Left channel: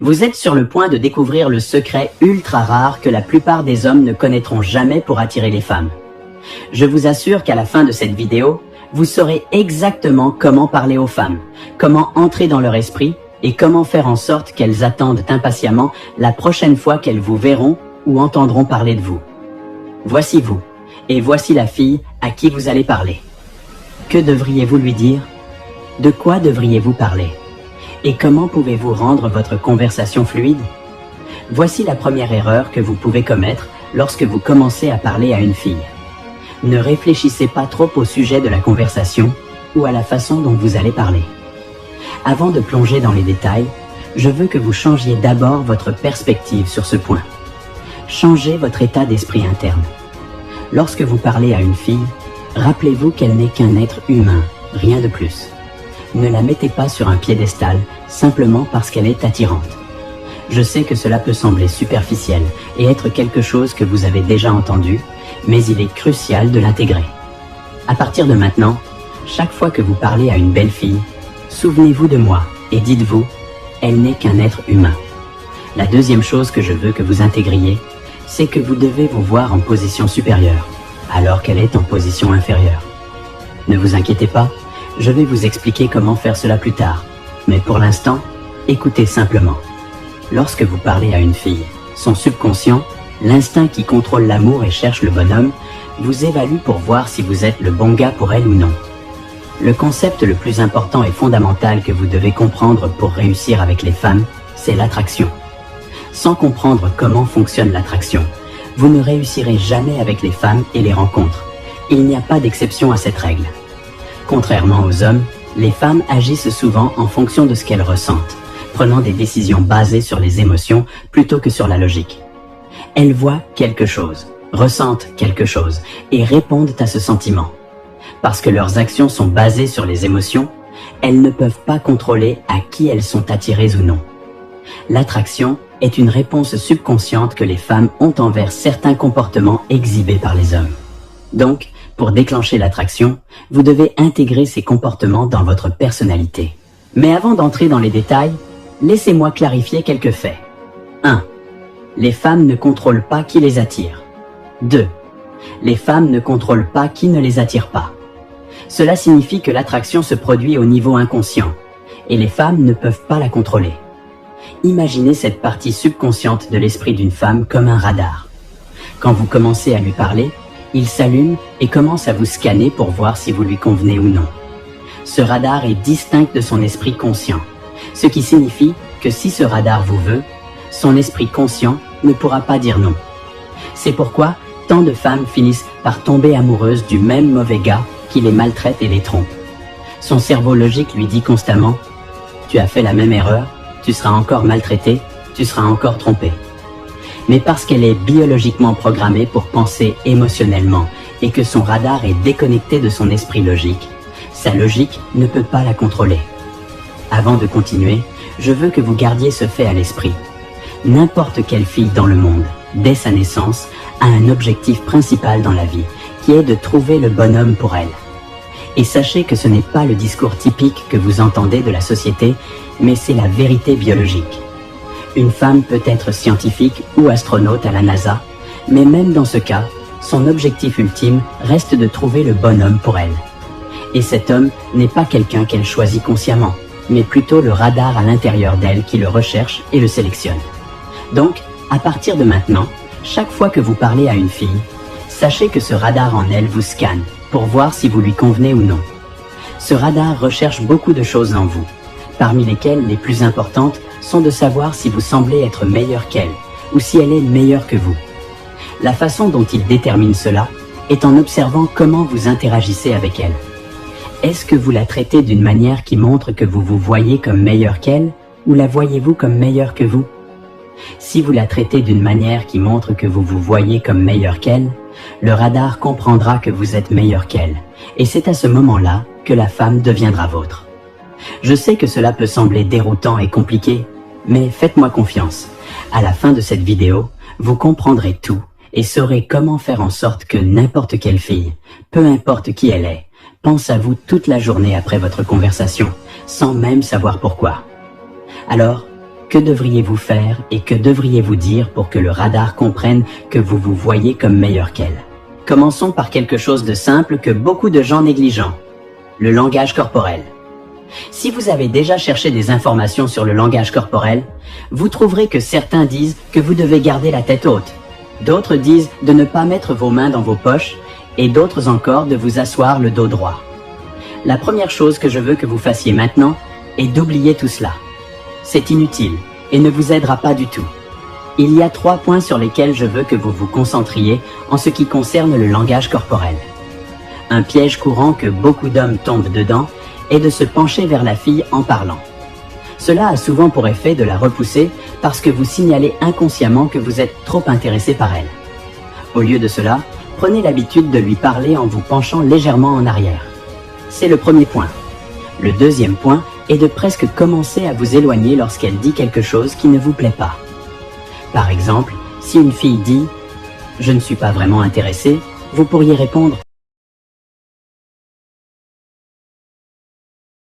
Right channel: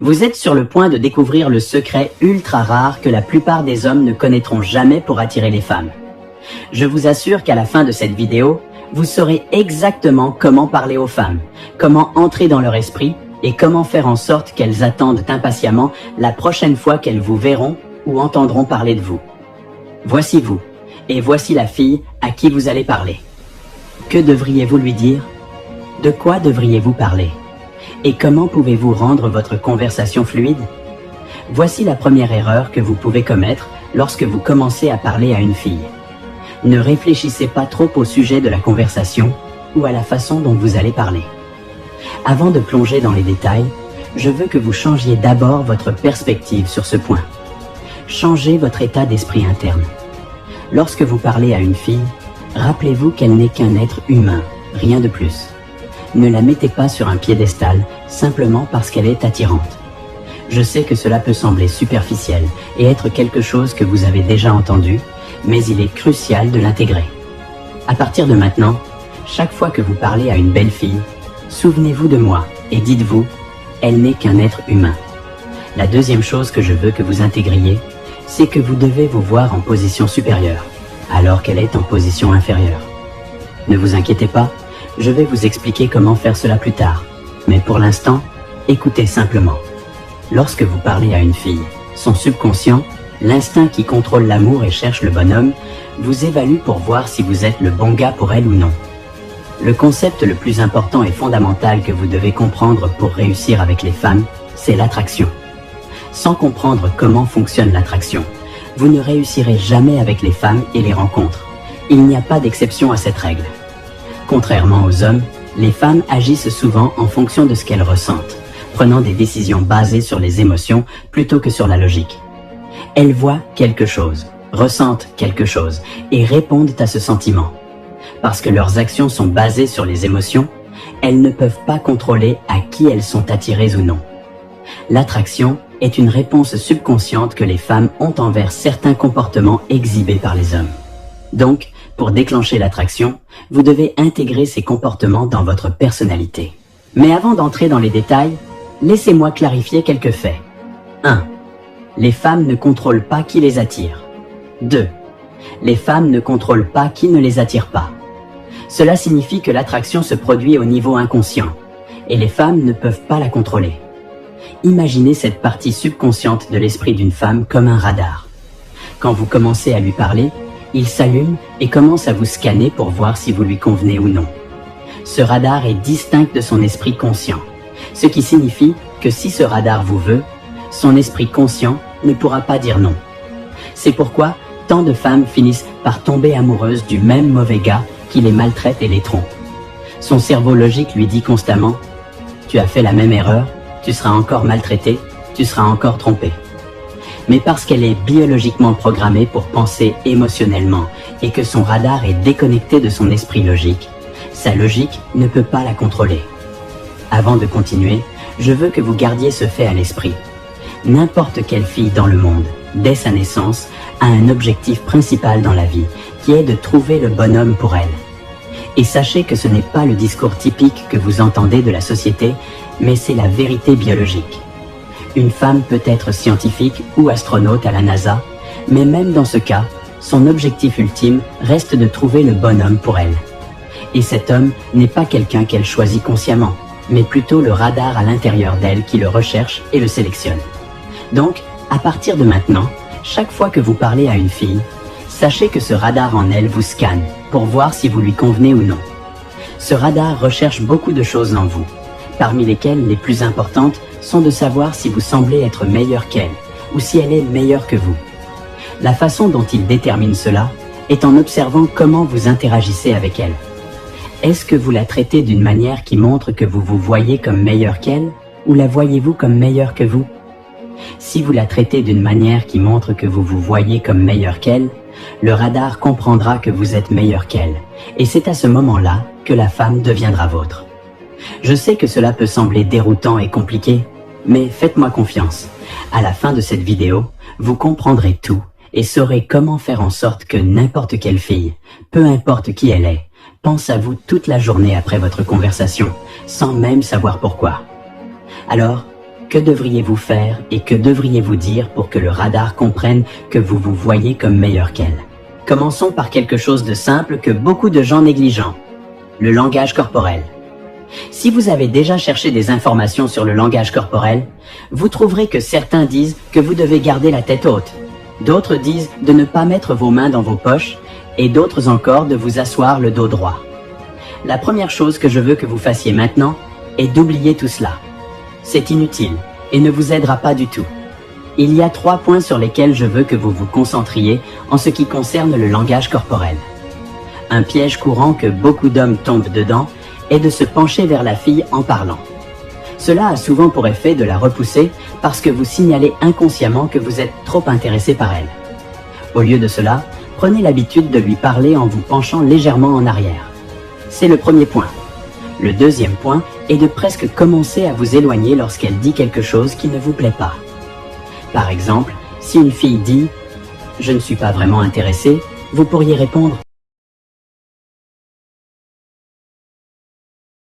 Vous êtes sur le point de découvrir le secret ultra rare que la plupart des hommes ne connaîtront jamais pour attirer les femmes. Je vous assure qu'à la fin de cette vidéo, vous saurez exactement comment parler aux femmes, comment entrer dans leur esprit et comment faire en sorte qu'elles attendent impatiemment la prochaine fois qu'elles vous verront ou entendront parler de vous. Voici vous, et voici la fille à qui vous allez parler. Que devriez-vous lui dire? De quoi devriez-vous parler? Et comment pouvez-vous rendre votre conversation fluide? Voici la première erreur que vous pouvez commettre lorsque vous commencez à parler à une fille. Ne réfléchissez pas trop au sujet de la conversation ou à la façon dont vous allez parler. Avant de plonger dans les détails, je veux que vous changiez d'abord votre perspective sur ce point. Changez votre état d'esprit interne. Lorsque vous parlez à une fille, rappelez-vous qu'elle n'est qu'un être humain, rien de plus. Ne la mettez pas sur un piédestal simplement parce qu'elle est attirante. Je sais que cela peut sembler superficiel et être quelque chose que vous avez déjà entendu, mais il est crucial de l'intégrer. À partir de maintenant, chaque fois que vous parlez à une belle fille, souvenez-vous de moi et dites-vous, elle n'est qu'un être humain. La deuxième chose que je veux que vous intégriez, c'est que vous devez vous voir en position supérieure, alors qu'elle est en position inférieure. Ne vous inquiétez pas, je vais vous expliquer comment faire cela plus tard. Mais pour l'instant, écoutez simplement. Lorsque vous parlez à une fille, son subconscient, l'instinct qui contrôle l'amour et cherche le bonhomme, vous évalue pour voir si vous êtes le bon gars pour elle ou non. Le concept le plus important et fondamental que vous devez comprendre pour réussir avec les femmes, c'est l'attraction. Sans comprendre comment fonctionne l'attraction, vous ne réussirez jamais avec les femmes et les rencontres. Il n'y a pas d'exception à cette règle. Contrairement aux hommes, les femmes agissent souvent en fonction de ce qu'elles ressentent, prenant des décisions basées sur les émotions plutôt que sur la logique. Elles voient quelque chose, ressentent quelque chose et répondent à ce sentiment. Parce que leurs actions sont basées sur les émotions, elles ne peuvent pas contrôler à qui elles sont attirées ou non. L'attraction est une réponse subconsciente que les femmes ont envers certains comportements exhibés par les hommes. Donc, pour déclencher l'attraction, vous devez intégrer ces comportements dans votre personnalité. Mais avant d'entrer dans les détails, laissez-moi clarifier quelques faits. 1. Les femmes ne contrôlent pas qui les attire. 2. Les femmes ne contrôlent pas qui ne les attire pas. Cela signifie que l'attraction se produit au niveau inconscient, et les femmes ne peuvent pas la contrôler. Imaginez cette partie subconsciente de l'esprit d'une femme comme un radar. Quand vous commencez à lui parler, il s'allume et commence à vous scanner pour voir si vous lui convenez ou non. Ce radar est distinct de son esprit conscient, ce qui signifie que si ce radar vous veut, son esprit conscient ne pourra pas dire non. C'est pourquoi tant de femmes finissent par tomber amoureuses du même mauvais gars qui les maltraite et les trompe. Son cerveau logique lui dit constamment « Tu as fait la même erreur, tu seras encore maltraité, tu seras encore trompé ». Mais parce qu'elle est biologiquement programmée pour penser émotionnellement et que son radar est déconnecté de son esprit logique, sa logique ne peut pas la contrôler. Avant de continuer, je veux que vous gardiez ce fait à l'esprit. N'importe quelle fille dans le monde, dès sa naissance, a un objectif principal dans la vie, qui est de trouver le bonhomme pour elle. Et sachez que ce n'est pas le discours typique que vous entendez de la société, mais c'est la vérité biologique. Une femme peut être scientifique ou astronaute à la NASA, mais même dans ce cas, son objectif ultime reste de trouver le bonhomme pour elle. Et cet homme n'est pas quelqu'un qu'elle choisit consciemment, mais plutôt le radar à l'intérieur d'elle qui le recherche et le sélectionne. Donc, à partir de maintenant, chaque fois que vous parlez à une fille, sachez que ce radar en elle vous scanne pour voir si vous lui convenez ou non. Ce radar recherche beaucoup de choses en vous, parmi lesquelles les plus importantes sont de savoir si vous semblez être meilleur qu'elle ou si elle est meilleure que vous. La façon dont il détermine cela est en observant comment vous interagissez avec elle. Est-ce que vous la traitez d'une manière qui montre que vous vous voyez comme meilleur qu'elle ou la voyez-vous comme meilleure que vous? Si vous la traitez d'une manière qui montre que vous vous voyez comme meilleur qu'elle, le radar comprendra que vous êtes meilleur qu'elle et c'est à ce moment-là que la femme deviendra vôtre. Je sais que cela peut sembler déroutant et compliqué, mais faites-moi confiance. À la fin de cette vidéo, vous comprendrez tout et saurez comment faire en sorte que n'importe quelle fille, peu importe qui elle est, pense à vous toute la journée après votre conversation, sans même savoir pourquoi. Alors, Que devriez-vous faire et que devriez-vous dire pour que le radar comprenne que vous vous voyez comme meilleur qu'elle? Commençons par quelque chose de simple que beaucoup de gens négligent. Le langage corporel. Si vous avez déjà cherché des informations sur le langage corporel, vous trouverez que certains disent que vous devez garder la tête haute. D'autres disent de ne pas mettre vos mains dans vos poches et d'autres encore de vous asseoir le dos droit. La première chose que je veux que vous fassiez maintenant est d'oublier tout cela. C'est inutile et ne vous aidera pas du tout. Il y a 3 points sur lesquels je veux que vous vous concentriez en ce qui concerne le langage corporel. Un piège courant que beaucoup d'hommes tombent dedans est de se pencher vers la fille en parlant. Cela a souvent pour effet de la repousser parce que vous signalez inconsciemment que vous êtes trop intéressé par elle. Au lieu de cela, prenez l'habitude de lui parler en vous penchant légèrement en arrière. C'est le premier point. Le deuxième point est de presque commencer à vous éloigner lorsqu'elle dit quelque chose qui ne vous plaît pas. Par exemple, si une fille dit « Je ne suis pas vraiment intéressé », vous pourriez répondre